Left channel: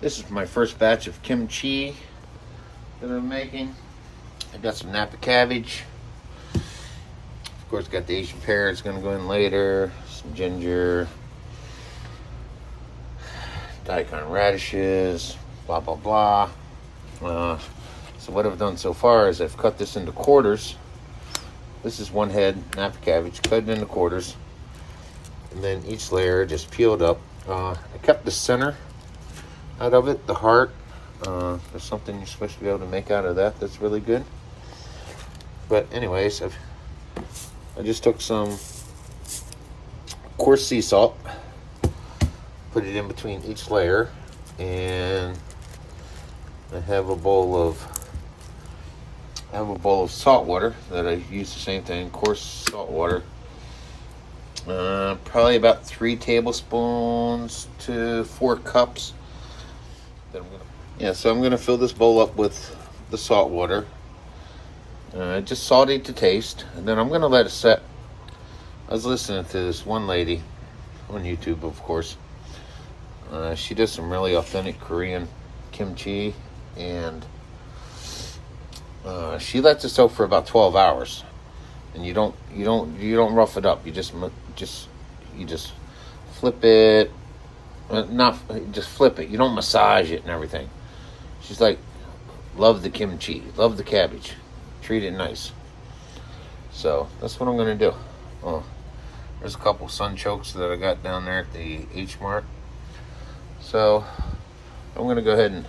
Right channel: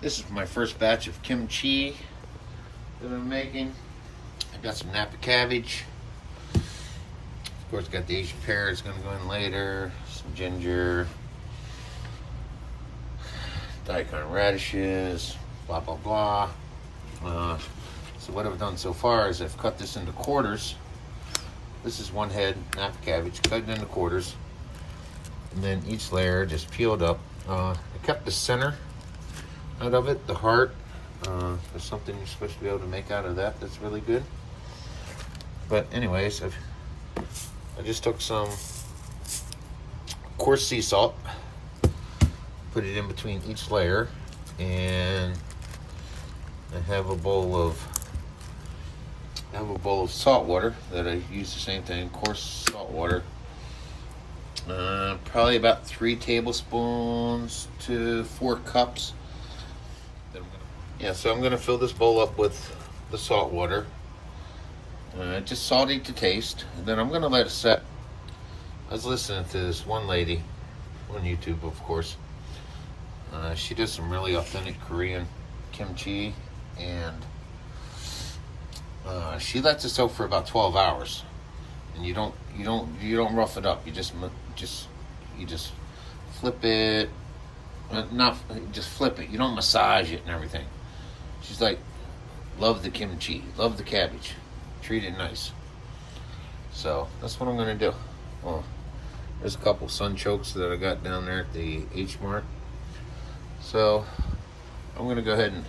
This is my first batch of kimchi that I'm making. I got some Napa cabbage. Of course, got the Asian pear. It's going to go in later. Some ginger, daikon radishes, blah blah blah. So what I've done so far is I've cut this into quarters. This is one head Napa cabbage, cut it into quarters, and then each layer just peeled up. I kept the center out of it, the heart. There's something you're supposed to be able to make out of that that's really good. But anyways, I just took some coarse sea salt, put it in between each layer, and I have a bowl of salt water that I use the same thing, coarse salt water. Probably about 3 tablespoons to 4 cups. So I'm gonna fill this bowl up with the salt water. Just salty to taste, and then I'm gonna let it set. I was listening to this one lady on YouTube, of course. She does some really authentic Korean kimchi, and she lets it soak for about 12 hours. And you don't rough it up. You just flip it. Just flip it. You don't massage it and everything. She's like, love the kimchi, love the cabbage, treat it nice. So that's what I'm gonna do. There's a couple sun chokes that I got down there at the H Mart. So I'm gonna go ahead and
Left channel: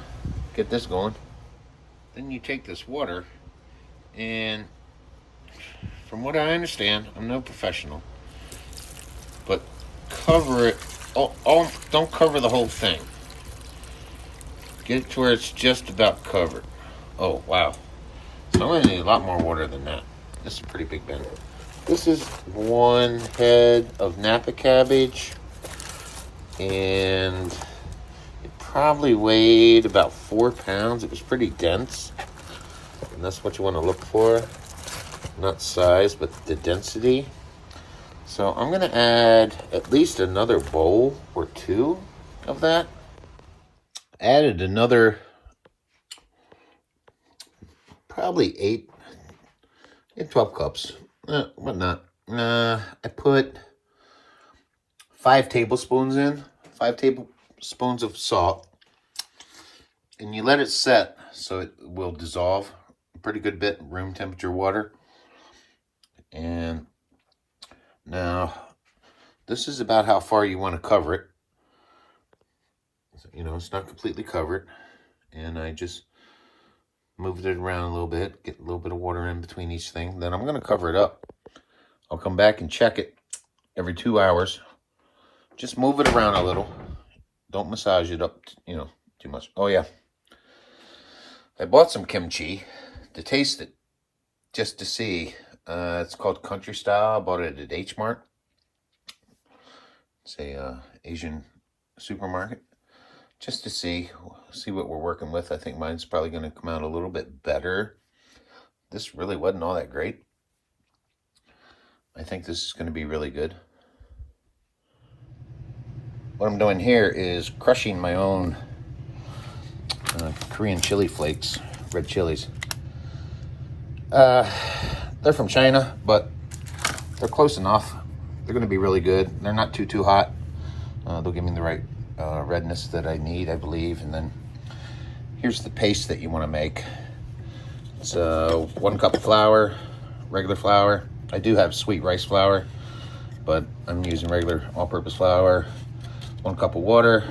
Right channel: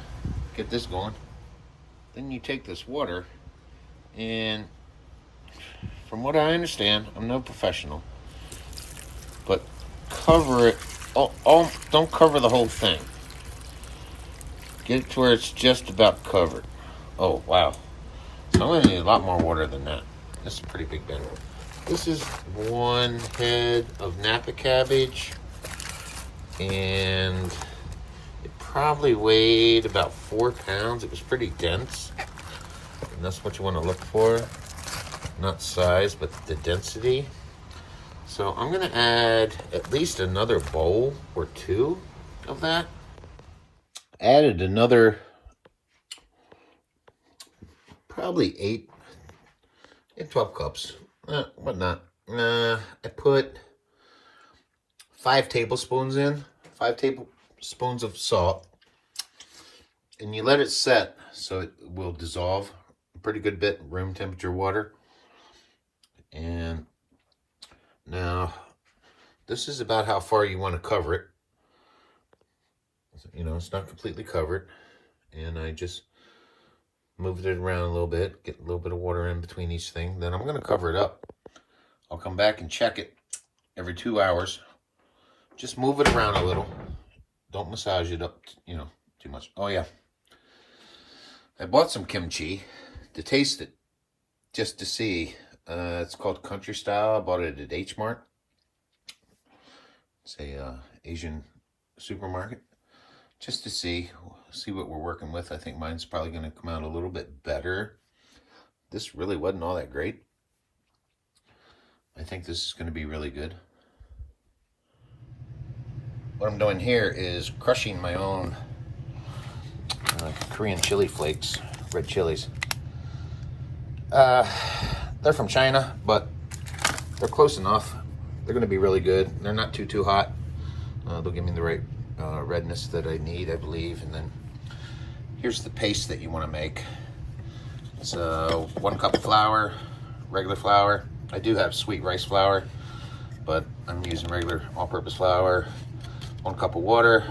get this going. Then you take this water, and from what I understand, I'm no professional, but cover it. Don't cover the whole thing. Get it to where it's just about covered. Oh, wow. So I'm going to need a lot more water than that. This is a pretty big bin. This is one head of Napa cabbage, and it probably weighed about 4 pounds. It was pretty dense, and that's what you want to look for. Not size, but the density. So I'm going to add at least another bowl or 2 of that. Added another probably 8 and 12 cups. Whatnot. I put 5 tablespoons in, 5 tablespoons of salt, and you let it set so it will dissolve a pretty good bit in room temperature water. And now this is about how far you want to cover it. You know, it's not completely covered, and I just moved it around a little bit, get a little bit of water in between each thing. Then I'm going to cover it up. I'll come back and check it every 2 hours. Just move it around a little. Don't massage it up, too much. Oh yeah, I bought some kimchi to taste it, just to see. It's called Country Style. I bought it at H Mart. It's a Asian supermarket. Just to see what we're working with. I think mine's probably going to come out a little bit better. This really wasn't all that great. I think this is going to be really good. What I'm doing here is crushing my own Korean chili flakes, red chilies. They're from China, but they're close enough. They're going to be really good. They're not too hot. They'll give me the right redness that I need, I believe. And then here's the paste that you want to make. It's 1 cup of flour, regular flour. I do have sweet rice flour, but I'm using regular all-purpose flour. 1 cup of water,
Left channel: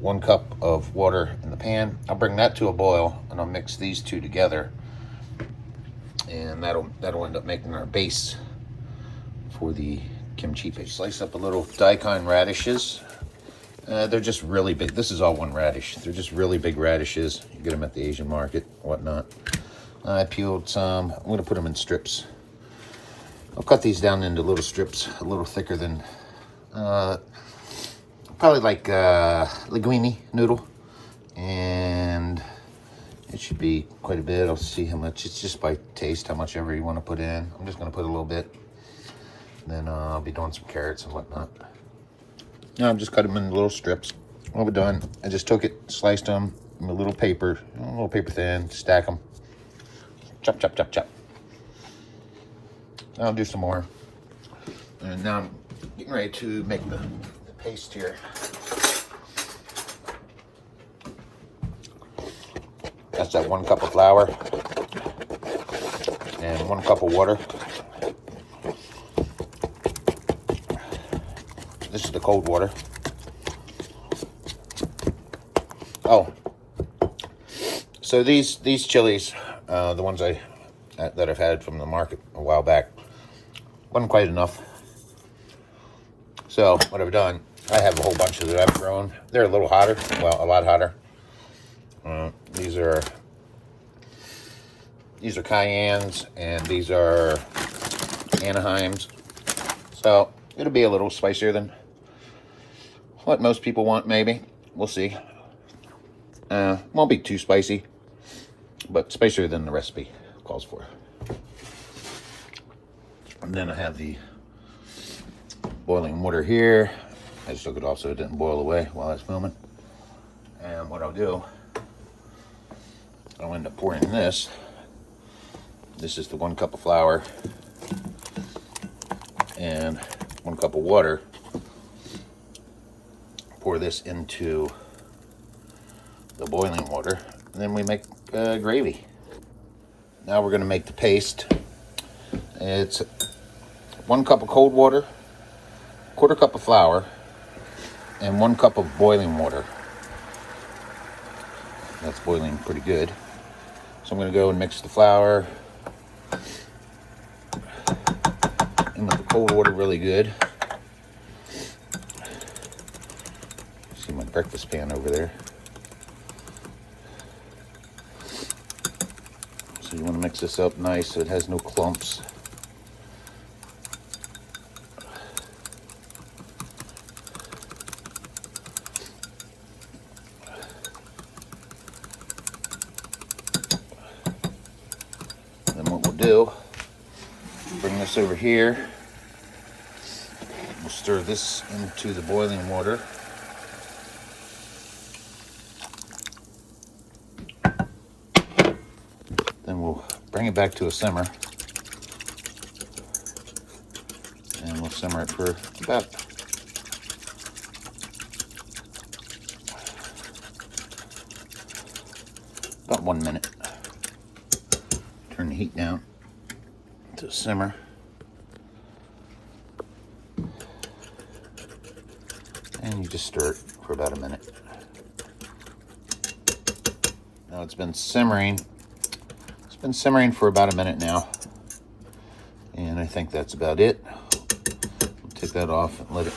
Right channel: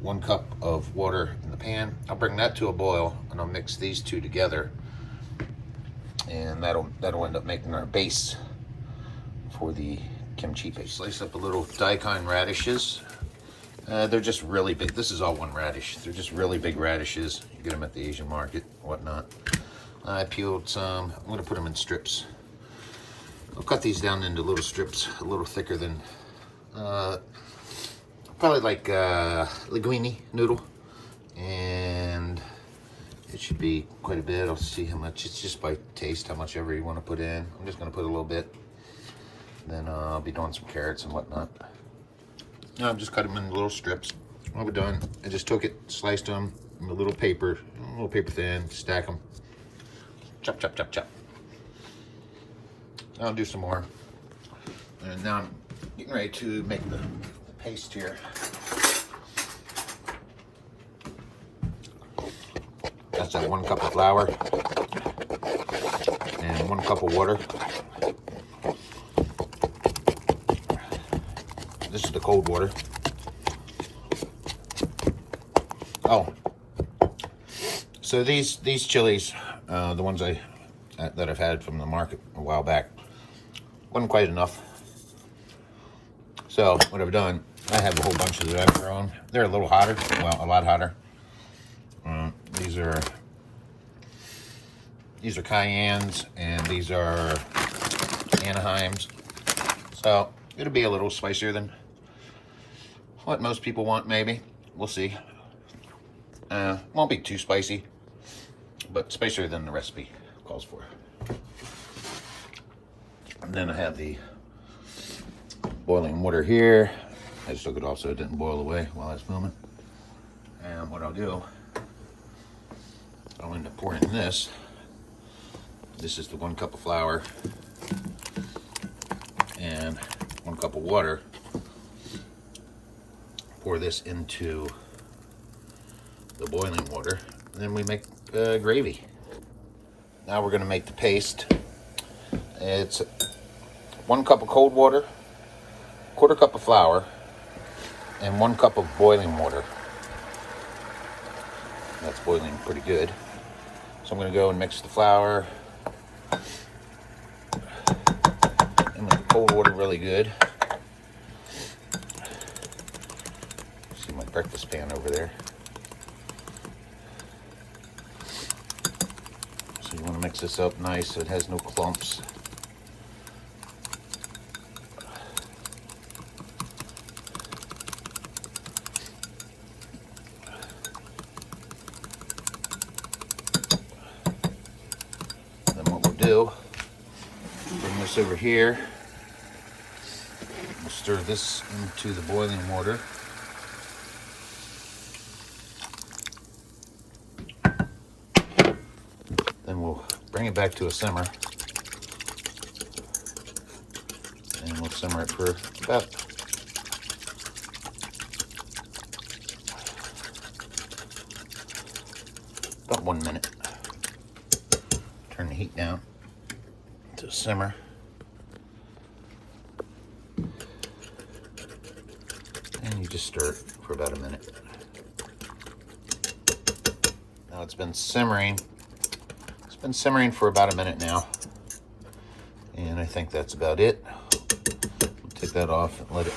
1 cup of water in the pan. I'll bring that to a boil, and I'll mix these 2 together, and that'll end up making our base for the kimchi paste. Slice up a little daikon radishes. They're just really big. This is all 1 radish. They're just really big radishes. You get them at the Asian market, whatnot. I peeled some. I'm going to put them in strips. I'll cut these down into little strips, a little thicker than, probably like linguine noodle. And it should be quite a bit. I'll see how much. It's just by taste, how much ever you want to put in. I'm just going to put a little bit. Then I'll be doing some carrots and whatnot. No, I'm just cutting them in little strips. When we're done, I just took it, sliced them in a little paper thin, stack them, chop, chop, chop, chop. I'll do some more. And now I'm getting ready to make the paste here. That's like 1 cup of flour and 1 cup of water. This is the cold water. Oh, so these chilies, the ones that I've had from the market a while back, wasn't quite enough. So what I've done, I have a whole bunch of that I've grown. They're a little hotter, well, a lot hotter. These are Cayennes, and these are Anaheims. So it'll be a little spicier than what most people want, maybe. We'll see. Won't be too spicy, but spicier than the recipe calls for. And then I have the boiling water here. I just took it off so it didn't boil away while I was filming. And what I'll do, I'll end up pouring this. This is the 1 cup of flour and 1 cup of water. Pour this into the boiling water, and then we make gravy. Now we're going to make the paste. It's 1 cup of cold water, 1/4 cup of flour, and 1 cup of boiling water. It's boiling pretty good. So I'm going to go and mix the flour into the cold water really good. See my breakfast pan over there. So you want to mix this up nice so it has no clumps. Do, bring this over here. We'll stir this into the boiling water. Then we'll bring it back to a simmer. And we'll simmer it for about 1 minute. Turn the heat down to simmer. And you just stir it for about a minute. Now it's been simmering. It's been simmering for about a minute now. And I think that's about it. We'll take that off and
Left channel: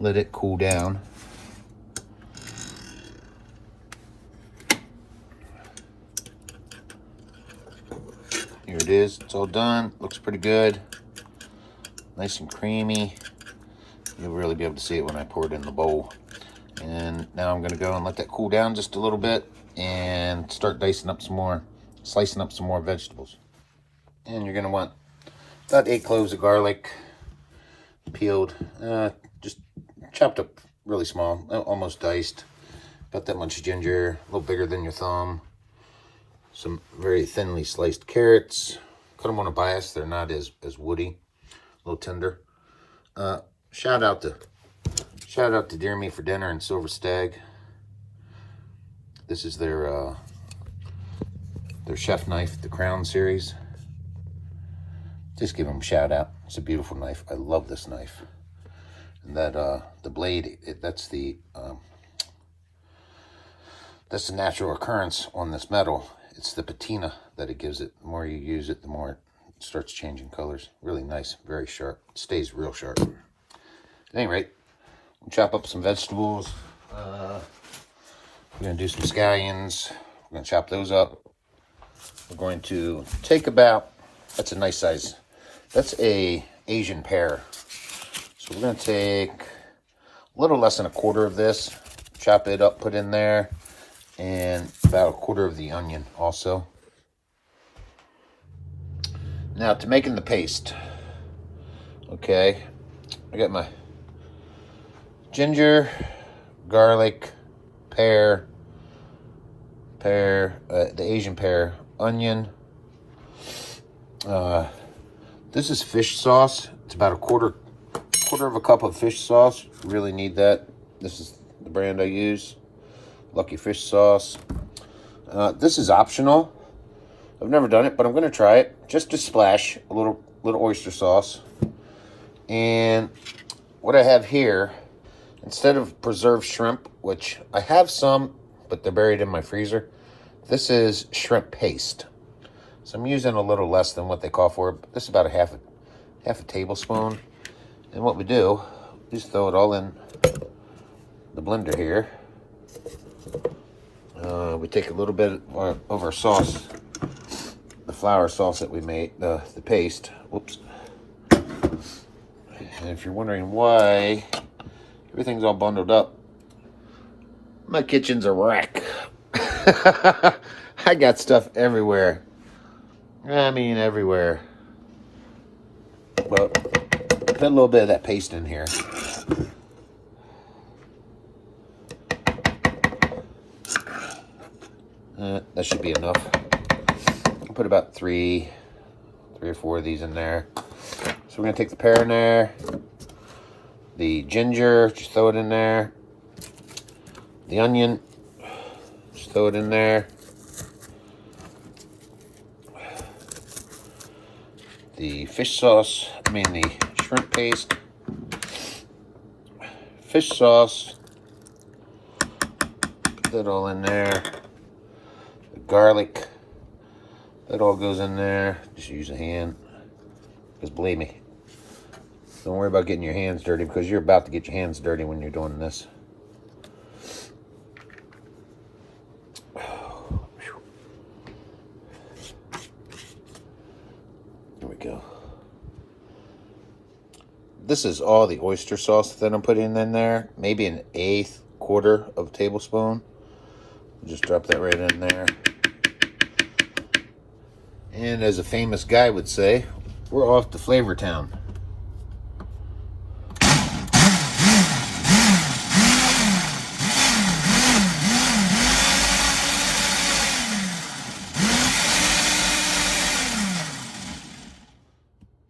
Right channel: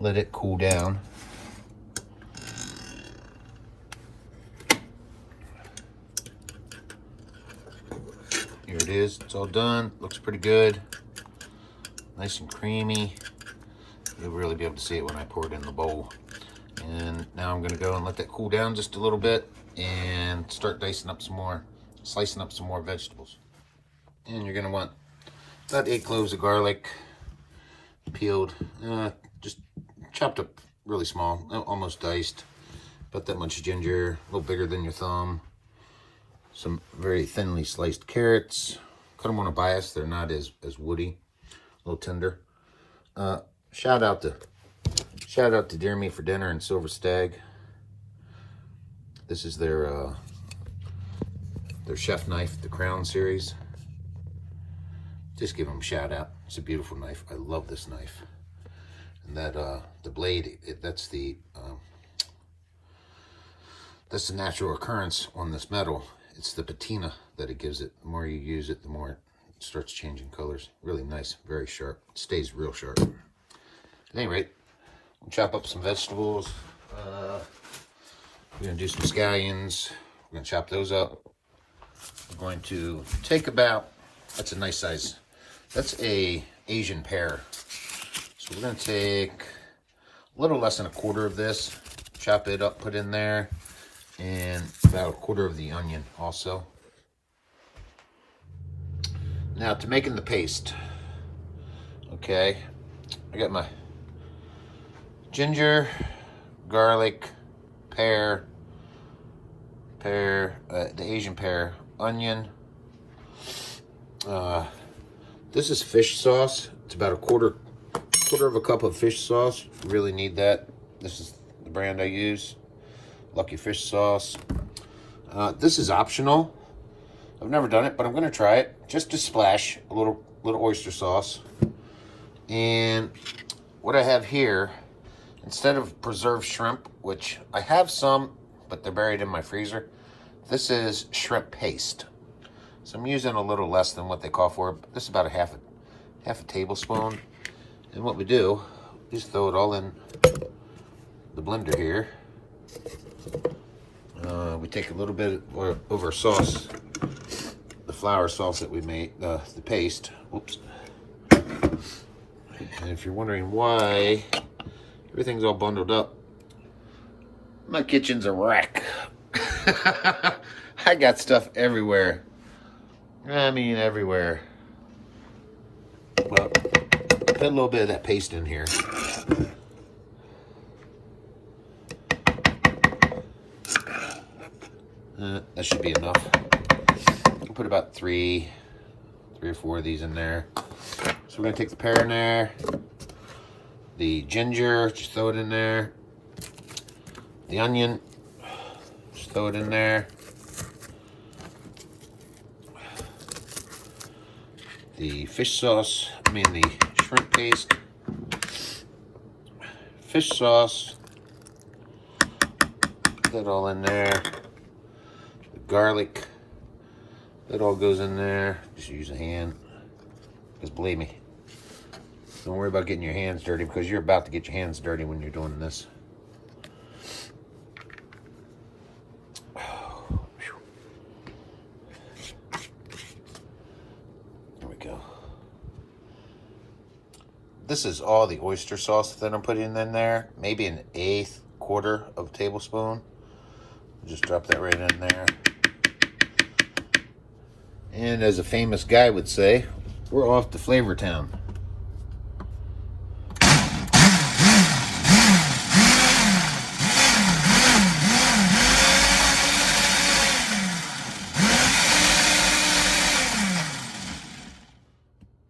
let it cool down. Here it is, it's all done. Looks pretty good. Nice and creamy. You'll really be able to see it when I pour it in the bowl. And now I'm gonna go and let that cool down just a little bit and start slicing up some more vegetables. And you're gonna want about 8 cloves of garlic, peeled, just chopped up really small, almost diced. About that much ginger, a little bigger than your thumb. Some very thinly sliced carrots. Cut them on a bias. They're not as woody, a little tender. Shout out to Deer Meat for Dinner and Silver Stag. This is their chef knife, the Crown series. Just give them a shout out. It's a beautiful knife. I love this knife. And that the blade, that's the natural occurrence on this metal. It's the patina that it gives it. The more you use it, the more it starts changing colors. Really nice, very sharp. It stays real sharp. At any rate, we'll chop up some vegetables. We're going to do some scallions. We're going to chop those up. We're going to take about, that's a nice size, that's a Asian pear. So we're going to take a little less than 1/4 of this, chop it up, put in there, and about 1/4 of the onion also. Now to making the paste. Okay, I got my ginger, garlic, pear, the Asian pear, onion. This is fish sauce. It's about a quarter of a cup of fish sauce. Really need that. This is the brand I use, Lucky Fish Sauce. This is optional. I've never done it, but I'm gonna try it. Just a splash, a little oyster sauce. And what I have here, instead of preserved shrimp, which I have some, but they're buried in my freezer, this is shrimp paste. So I'm using a little less than what they call for. This is about a half a tablespoon. And what we do is throw it all in the blender here. We take a little bit of our sauce, the flour sauce that we made, the paste. Whoops. And if you're wondering why everything's all bundled up, my kitchen's a wreck. I got stuff everywhere. I mean, everywhere. But put a little bit of that paste in here. That should be enough. I'll put about three or four of these in there. So we're gonna take the pear in there, the ginger, just throw it in there, the onion, just throw it in there, the fish sauce, the shrimp paste, fish sauce, put that all in there, the garlic, that all goes in there. Just use a hand, because believe me, don't worry about getting your hands dirty, because you're about to get your hands dirty when you're doing this. Here we go. This is all the oyster sauce that I'm putting in there. Maybe an eighth, quarter of a tablespoon. Just drop that right in there. And as a famous guy would say, we're off to Flavor Town.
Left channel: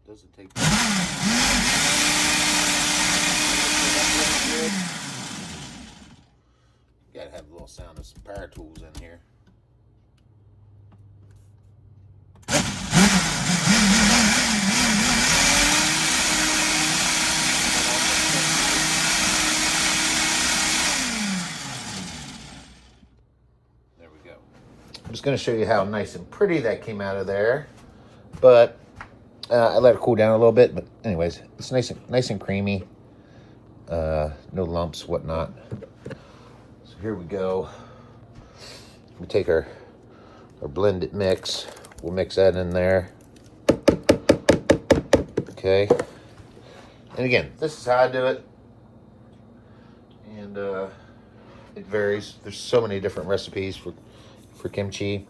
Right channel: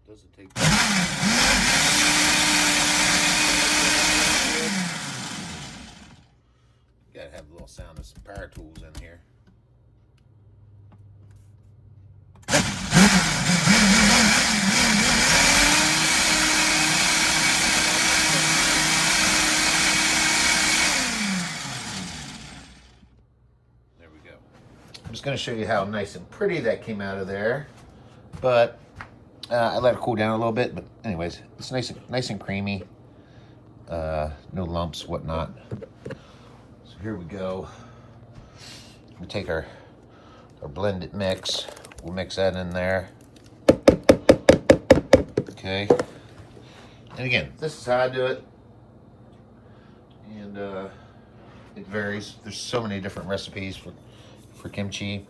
Doesn't take gotta have a little sound of some power tools in here. There we go. I'm just going to show you how nice and pretty that came out of there, but I let it cool down a little bit. But anyways, it's nice and creamy. No lumps, whatnot. So here we go. We take our blended mix. We'll mix that in there. Okay. And again, this is how I do it. And it varies. There's so many different recipes for kimchi.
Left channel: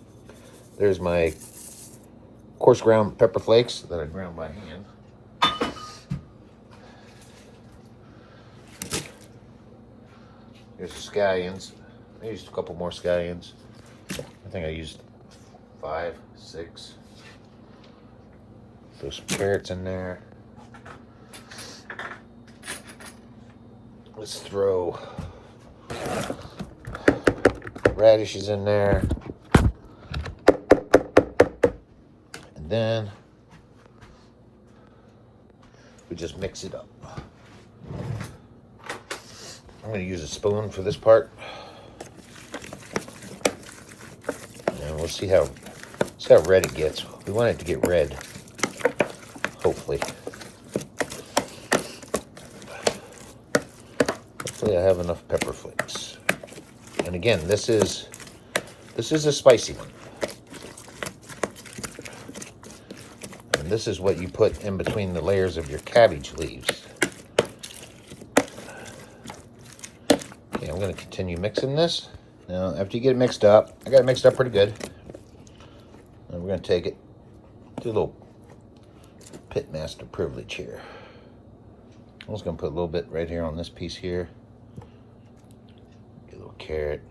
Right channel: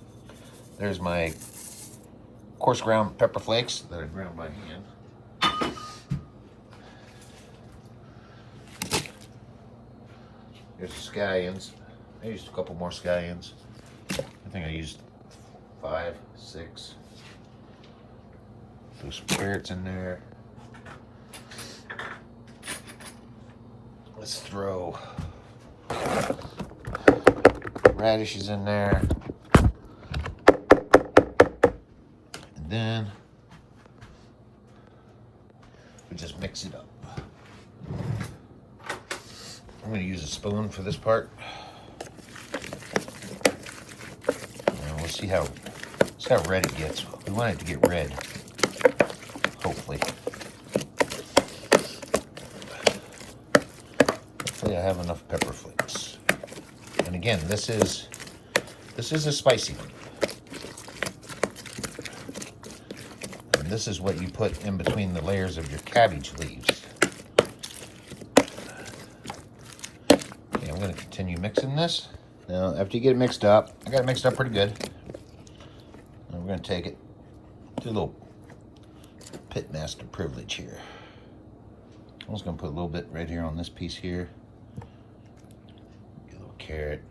There's my coarse ground pepper flakes that I ground by hand. There's the scallions. I used a couple more scallions. I think I used 5, 6. Throw some carrots in there. Let's throw radishes in there. And then we just mix it up. I'm going to use a spoon for this part. And we'll see how red it gets. We want it to get red, hopefully. Hopefully I have enough pepper flakes. And again, this is a spicy one. And this is what you put in between the layers of your cabbage leaves. Okay, I'm going to continue mixing this. Now, after you get it mixed up, I got it mixed up pretty good. And we're going to take it to a little pitmaster privilege here. I'm just going to put a little bit right here on this piece here. carrot.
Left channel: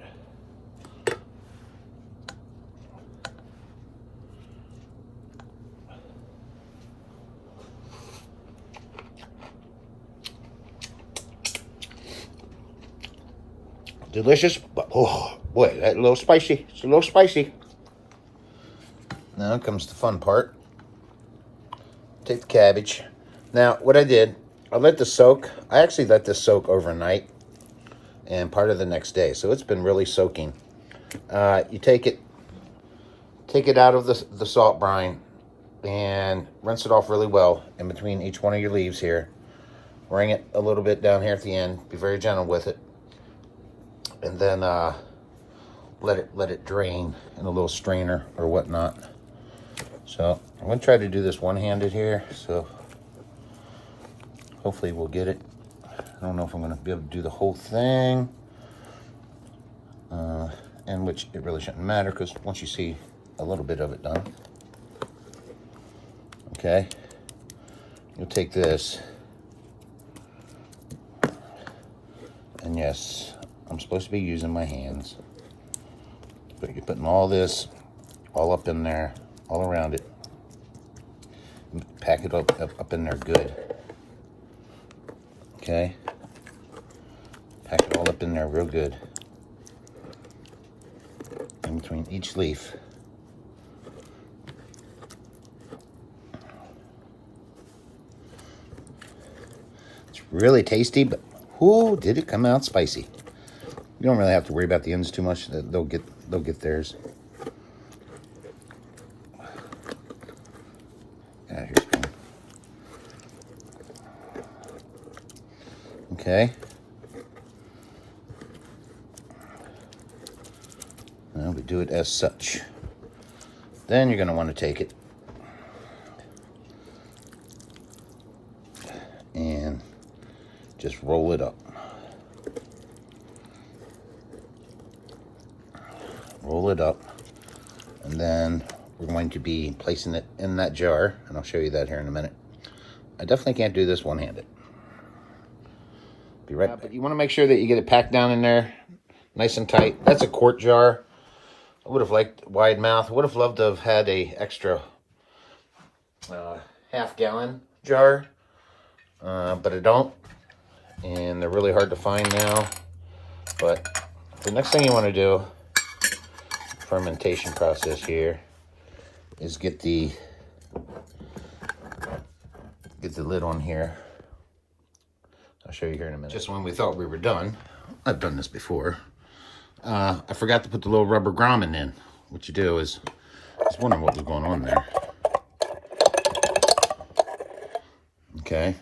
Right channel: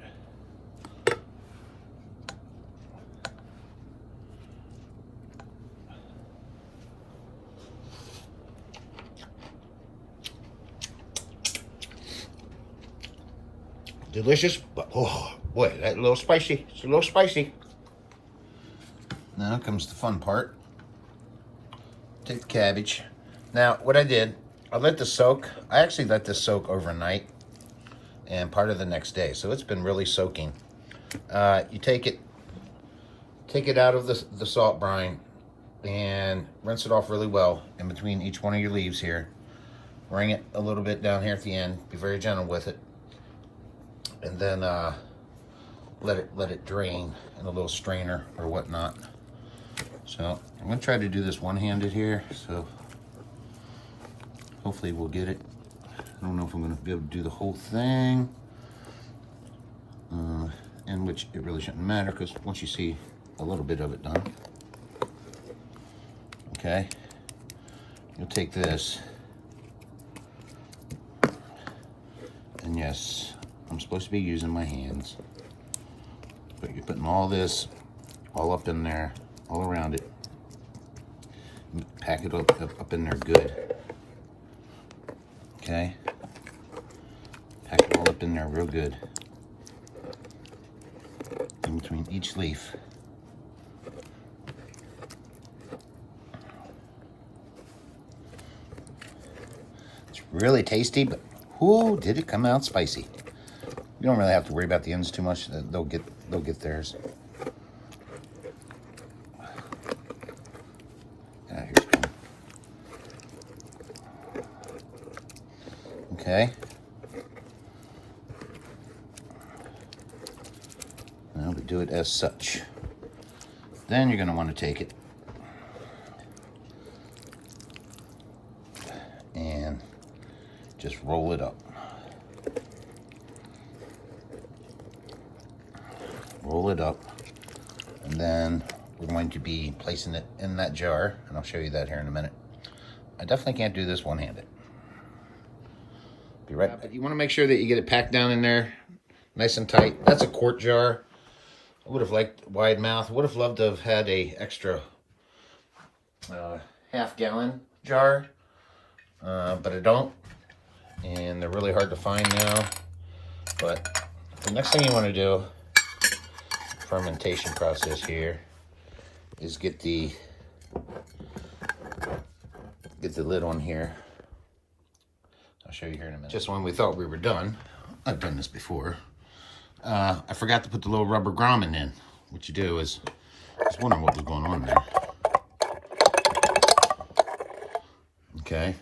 Delicious, but oh boy, that's a little spicy. It's a little spicy. Now comes the fun part. Take the cabbage. Now, what I did, I let this soak. I actually let this soak overnight and part of the next day, so it's been really soaking. You take it out of the salt brine and rinse it off really well in between each one of your leaves here. Wring it a little bit down here at the end. Be very gentle with it. And then let it drain in a little strainer or whatnot. So I'm gonna try to do this one-handed here, so hopefully we'll get it. I don't know if I'm gonna be able to do the whole thing, and which it really shouldn't matter because once you see a little bit of it done. Okay, you'll take this, and yes, I'm supposed to be using my hands, but you're putting all this all up in there, all around it. Pack it up in there good. Okay, pack it all up in there real good. In between each leaf. It's really tasty, but whoo, did it come out spicy. You don't really have to worry about the ends too much. They'll get theirs. Here's one. Okay. Now we do it as such. Then you're going to want to take it and just roll it up. Roll it up, and then we're going to be placing it in that jar, and I'll show you that here in a minute. I definitely can't do this one-handed. Be right, but you want to make sure that you get it packed down in there nice and tight. That's a quart jar. I would have liked wide mouth. Would have loved to have had a extra half-gallon jar, but I don't, and they're really hard to find now. But the next thing you want to do, fermentation process here, is get the lid on here. I'll show you here in a minute. Just when we thought we were done, I've done this before, I forgot to put the little rubber grommet in. What you do is, I was wondering what was going on there. Okay.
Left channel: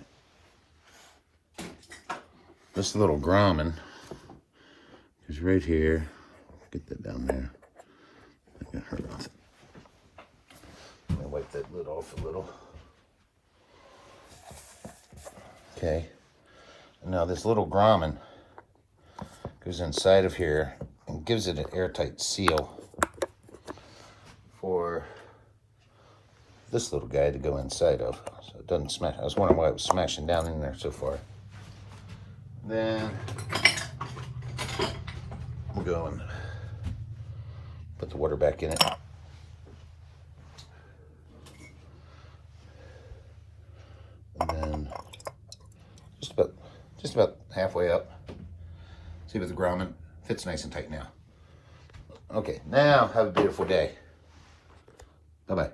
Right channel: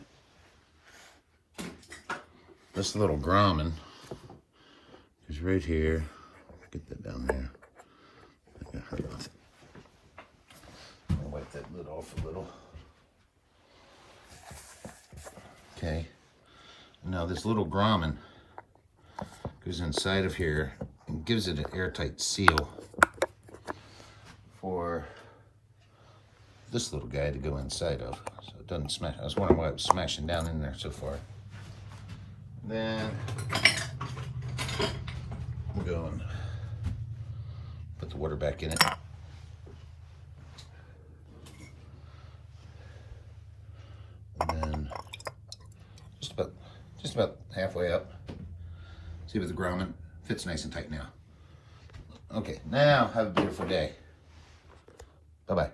This little grommet is right here. Get that down there. I got her off it. I'll wipe that lid off a little. Okay. Now this little grommet goes inside of here and gives it an airtight seal for this little guy to go inside of, so it doesn't smash. I was wondering why it was smashing down in there so far. Then we'll go and put the water back in it. And then just about halfway up. See with the grommet, fits nice and tight now. Okay, now have a beautiful day. Bye-bye.